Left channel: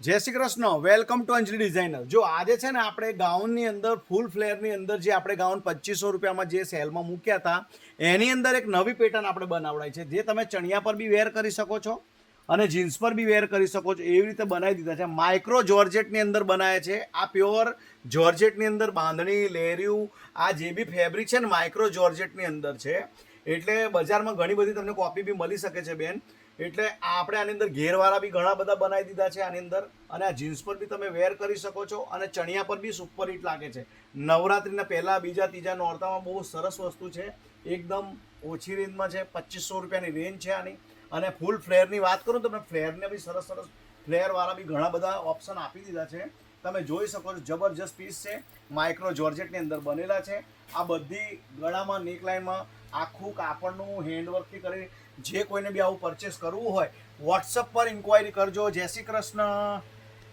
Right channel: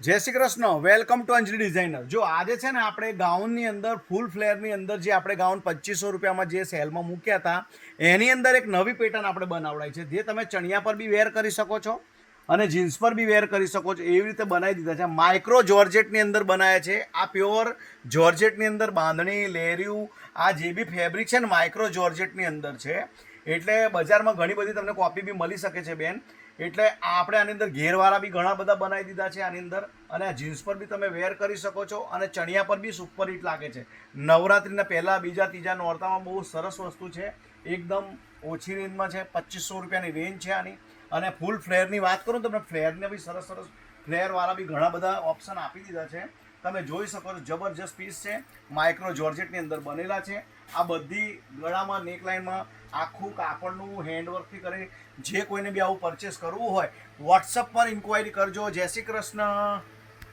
જય Shri Krishna. Welcome to Anjali designer. જો આજે છે ને આપણે ગાઉનની અંદર ફૂલ ફ્લેરની અંદર જે આપણે ગાઉન 2500 રૂપિયામાં જે સેલમાં મૂક્યા હતા એની અંદર એક નવી પેટર્ન આપણે બનાવડાવી છે, જે તમે ચણિયા પર બી વેર કરી શકો છો અને જીન્સ પર બી વેર કરી શકો છો. એવી રીતે બનાવી દીધા છે. માઇક્રો જોર્જેટની અંદર બનાવ્યા છે. આ પ્યોર જોર્જેટની અંદર બાંધણી લેરિયું આ જે બી ફેબ્રિક છે ને માઇક્રો જોર્જેટની અંદર છે. એટલે બજારમાં ઘણી બધી તમને કોપી બી મળી શકે છે બેન. એટલે આપણે આની અંદર ઘેરવાળા બી ઘણા બધા બનાવી દીધા છે આની અંદર. અને આ જીન્સ પર બી તમે વેર કરી શકો છો અને ચણિયા પર બી સુપર હિટ લાગે છે. નવરાત્રિના પહેલાં બીજા ત્રીજા નોરતામાં બહુ સરસ વસ્તુ છે. એકદમ ઓછી રેન્જમાં છે. 2500 રૂપિયાની રેન્જ છે આની. અને ફૂલ ફ્લેરની વાત કરું તો તમને ફ્લેરને બી સરસ સરસ ફ્લેરવાળા બી ઘણા બધા ઓપ્શન આપી દીધા છે. તમે જોઈ શકો છો જબરજસ્ત પીસ છે. માઇક્રો જોર્જેટની અંદર બનેલા છે. આ બધી ગળામાં નેકલાઇનમાં આખું કાપડનું હેન્ડવર્કથી કરી જે કોઈને બી આવું પરચેસ કરવું હોય વોટ્સઅપ પર ઇન્ક્વાયરી કરજો. જય શ્રી કૃષ્ણ.